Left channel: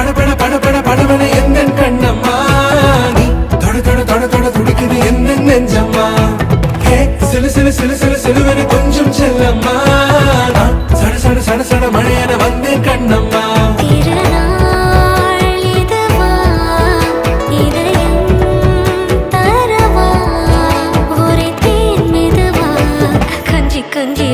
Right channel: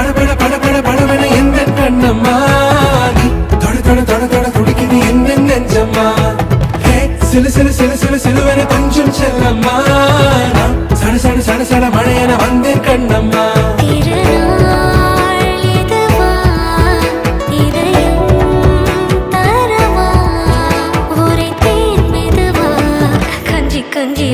படபட படபட படபட எந்த கண்ணம்மா நீ தொட தொட தொட தொட துடிக்குது எந்த நெஞ்சம்மா ஹே சிலு சிலு சிலு சிலு சிலுவன கொஞ்சம் செல்லம்மா நான் சட சட சட சட மழையன வந்தேன் கண்ணம்மா திருநாள் இதுவா இதயம் தரவா ஒரே தேன் மெதுவா கஞ்சி கஞ்சி